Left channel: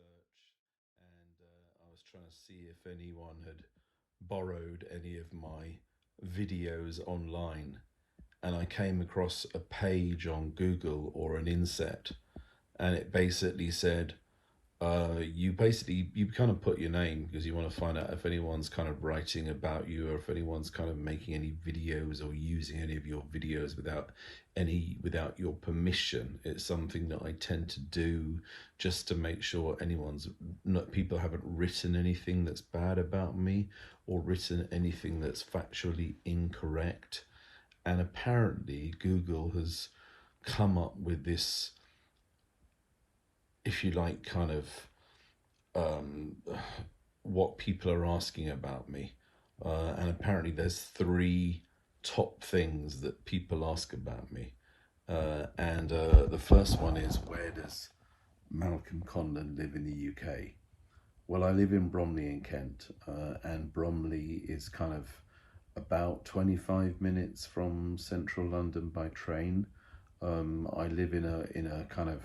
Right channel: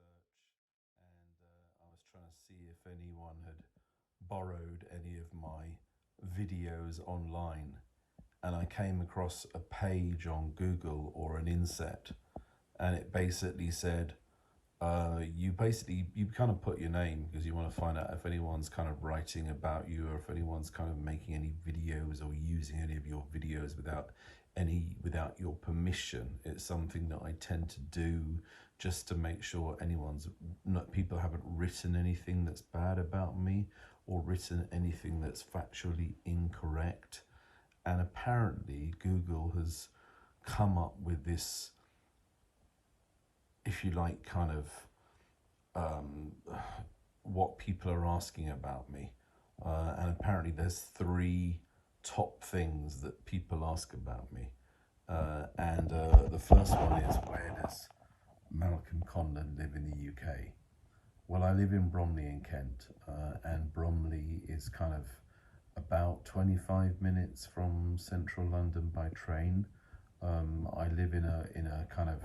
search, and I was trying to see if anyone had borrowed any of my videos online, and I came across a page on Google or an inset, and it basically said, you kind of put your name because you want to find out if anyone's kind of writing about you or if anyone's kind of making any videos or using any of your videos without your permission. It's something that I tend to do just to make sure people haven't written anything that's bad about me or written anything that's factually incorrect. And apparently Google has come up with this, if you like, kind of what people are asking about me. And apparently there's three top things that people ask about me. And the first one is, where does Malcolm Condon live in the UK? Well, I live in Bromley in Kent, and Bromley is kind of about 25 minutes from central London by train. I live in a kind of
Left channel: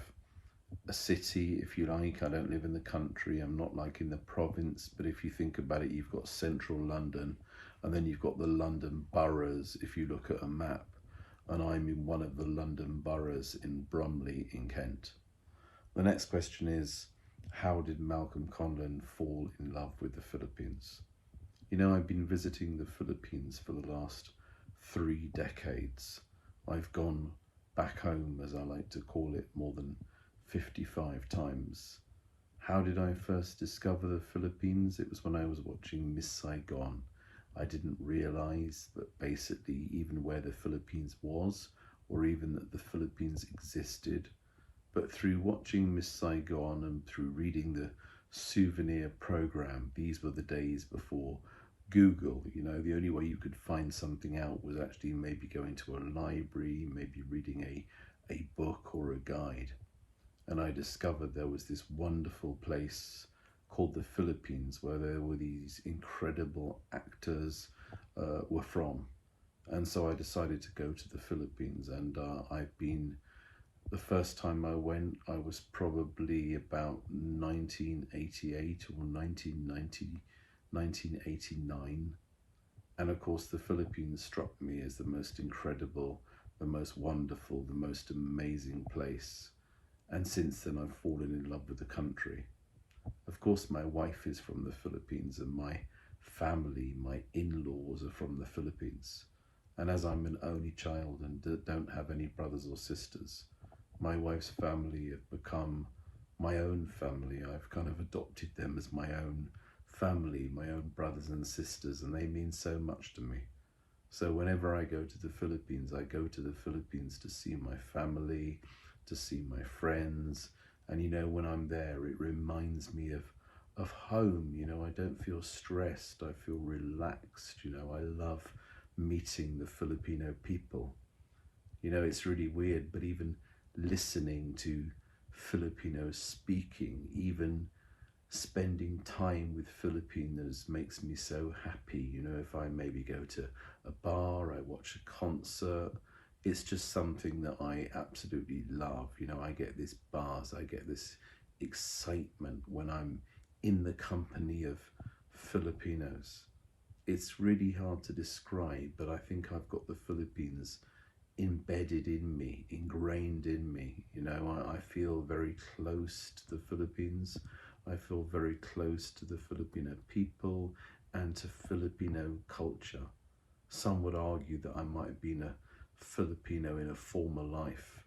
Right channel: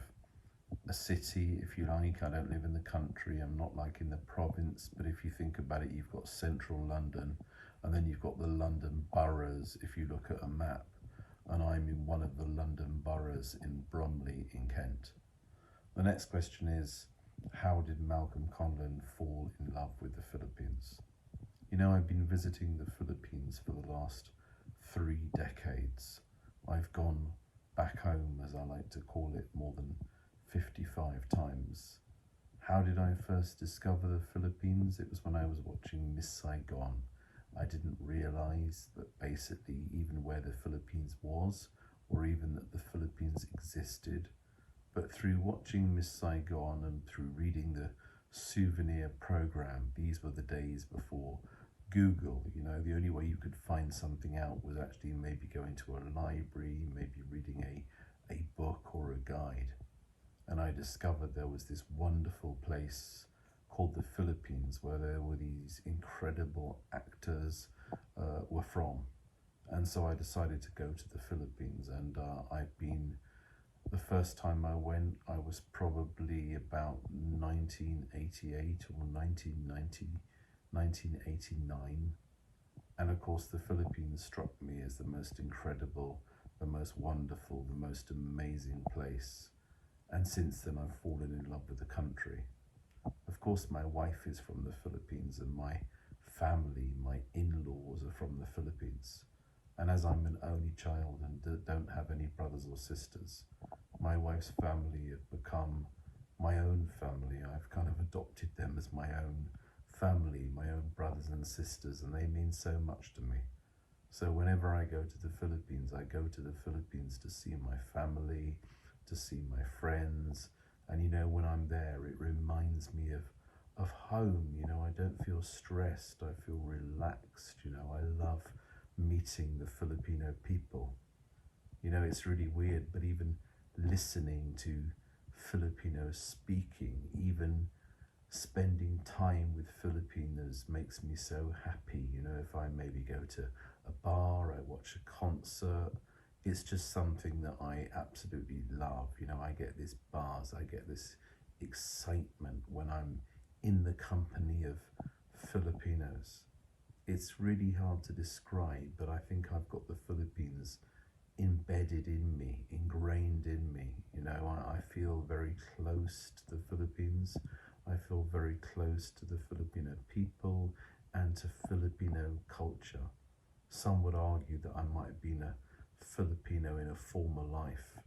a city, if you like. I don't live in the country. I'm not like in the province, but if you think about it, you've got central London, and then you've got the London boroughs, if you look at a map, and I'm in one of the London boroughs in Bromley in Kent. The next question is, how did Malcolm Conlon fall in love with the Philippines? You know, I've been visiting the Philippines for the last 3 decades. I've gone back home, as I like to call it, more than 55 times. How did I first discover the Philippines? It was when I was watching Miss Saigon. I didn't realize that basically even where the Philippines was, or even that the Philippines existed. But through watching Miss Saigon and through reading the souvenir program, these were the days before Google. You know, the only way you could find something out was actually maybe going to a library, maybe reading a book or a guide. And I discovered there was this wonderful place called the Philippines where there were these incredible actors were from. And so I decided to go to the Philippines, and the first time I went, I was probably about 1988 or 1990, 1989. And of course, the Philippines struck me as the most incredible, the most wonderful, the most amazing place. And since then, I've fallen in love with the country. Of course, my wife is from the Philippines, and my family, my in-laws are from the Philippines. And as I'm an only child and don't have any brothers or sisters, my wife's family have become my own family. I've kind of adopted them as my own family, my own brothers and sisters, and they mean so much to me. So whenever I go to the Philippines, I go to the Philippines to see my family, to see my friends. And you know, when I'm there, it reminds me of home. You know, I don't feel stressed, I feel relaxed. You know, I love meeting the Filipino people. You know, it's really weird, but even listening to Filipinos speaking, even spending time with Filipinos makes me so happy. You know, if I maybe go to a bar, I watch a concert, it's just something that I absolutely love. You know, I get this buzz, I get this excitement when I'm in the company of Filipinos. It's really hard to describe, but I think I've got the Philippines embedded in me, ingrained in me. You know, I feel very close to the Philippines. I feel very close to the Filipino people and to Filipino culture. Some would argue that I might have been a Filipino in a former life.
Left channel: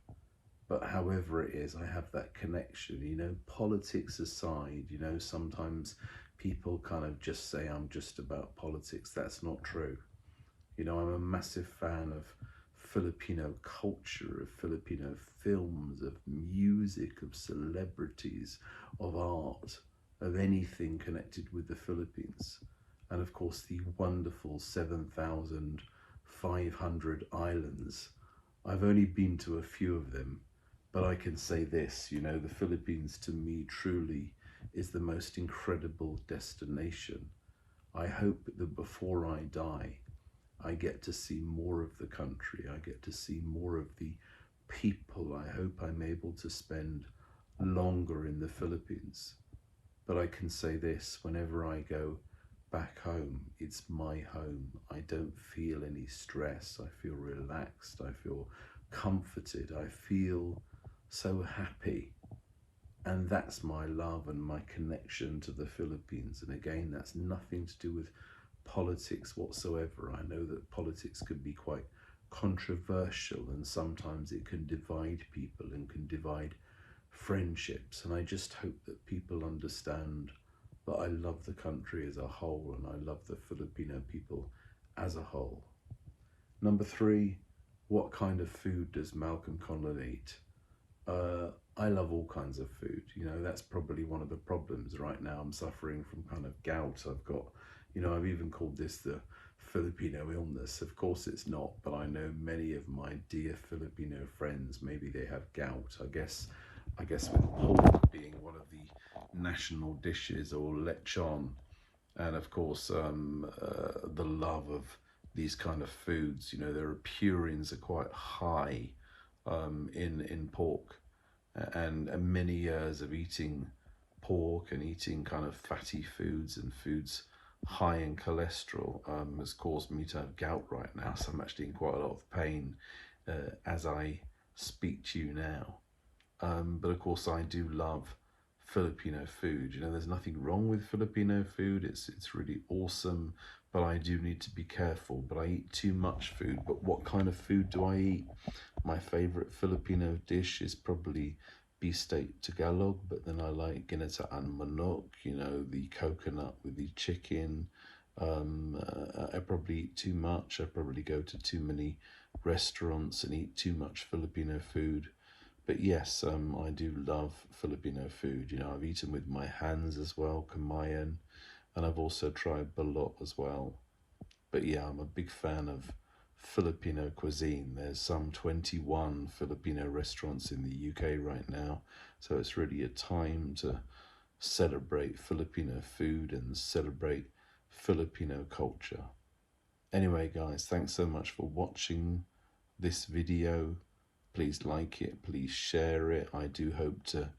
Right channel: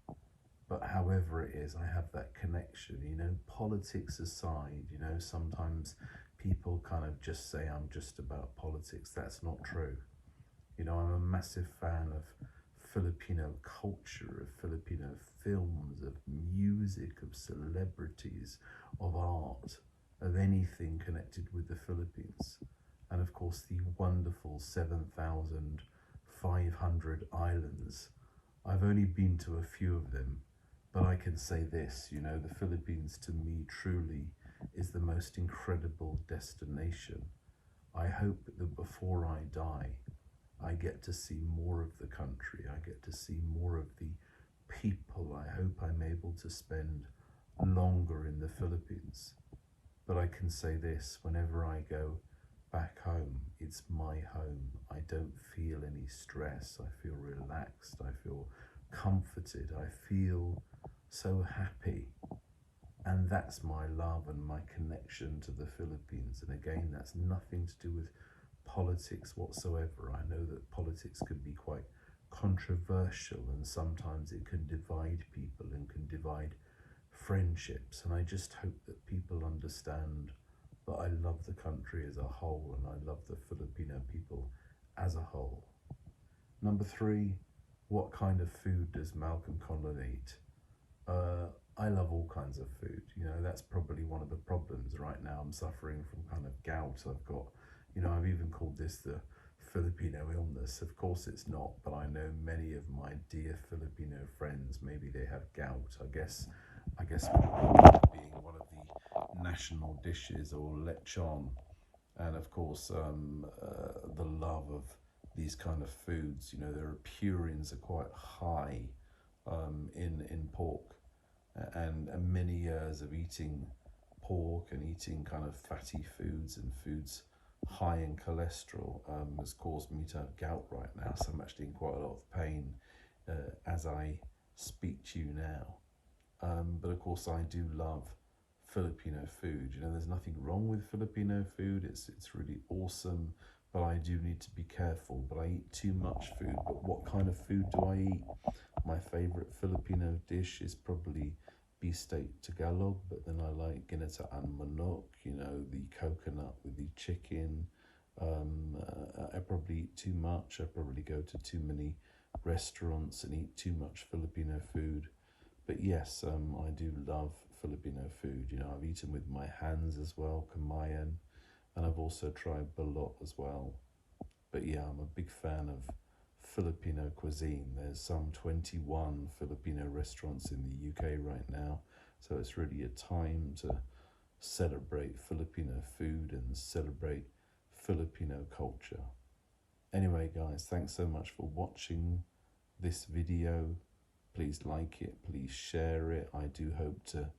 But however it is, I have that connection. You know, politics aside, you know, sometimes people kind of just say I'm just about politics. That's not true. You know, I'm a massive fan of Filipino culture, of Filipino films, of music, of celebrities, of art, of anything connected with the Philippines. And of course, the wonderful 7,500 islands. I've only been to a few of them, but I can say this, you know, the Philippines to me truly is the most incredible destination. I hope that before I die, I get to see more of the country. I get to see more of the people. I hope I'm able to spend longer in the Philippines. But I can say this, whenever I go back home, it's my home. I don't feel any stress. I feel relaxed. I feel comforted. I feel so happy. And that's my love and my connection to the Philippines. And again, that's nothing to do with politics whatsoever. I know that politics can be quite controversial, and sometimes it can divide people and can divide friendships. And I just hope that people understand that I love the country as a whole, and I love the Filipino people as a whole. Number 3, what kind of food does Malcolm Conlon eat? I love all kinds of food. You know, that's probably one of the problems right now. I'm suffering from kind of gout. I've got, you know, I've even called this the Filipino illness. Of course it's not, but I know many of my dear Filipino friends, maybe they have gout. I guess with pork being one of the national dishes, or lechon, and of course the love of these kind of foods. You know, their purines are quite high in pork, and many years of eating pork and eating kind of fatty foods and foods high in cholesterol has caused me to have gout right now. So I'm actually in quite a lot of pain as I speak to you now. But of course I do love Filipino food. You know, there's nothing wrong with Filipino food. It's really awesome, but I do need to be careful. But I eat too much food. But what kind of food do I eat? My favorite Filipino dish is probably beefsteak Tagalog, but then I like ginataan manok, you know, the coconut with the chicken. I probably eat too much. I probably go to too many restaurants and eat too much Filipino food. But yes, I do love Filipino food. You know, I've eaten with my hands as well, kamayan, and I've also tried balot as well. But yeah, I'm a big fan of Filipino cuisine. There's some 21 Filipino restaurants in the UK right now, so it's really a time to celebrate Filipino food and celebrate Filipino culture. Anyway guys, thanks so much for watching this video. Please like it, please share it. I do hope to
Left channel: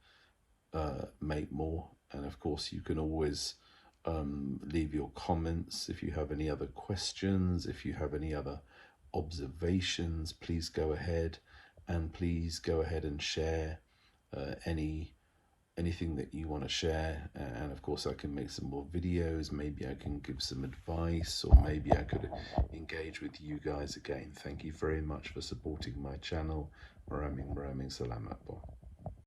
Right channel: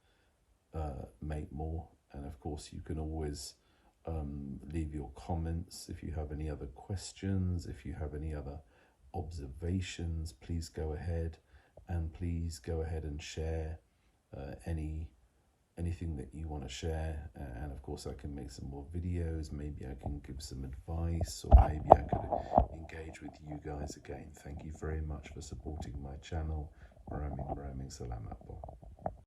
make more, and of course you can always leave your comments if you have any other questions, if you have any other observations. Please go ahead, and please go ahead and share anything that you want to share. And of course I can make some more videos, maybe I can give some advice, or maybe I could engage with you guys again. Thank you very much for supporting my channel. Maraming salamat po.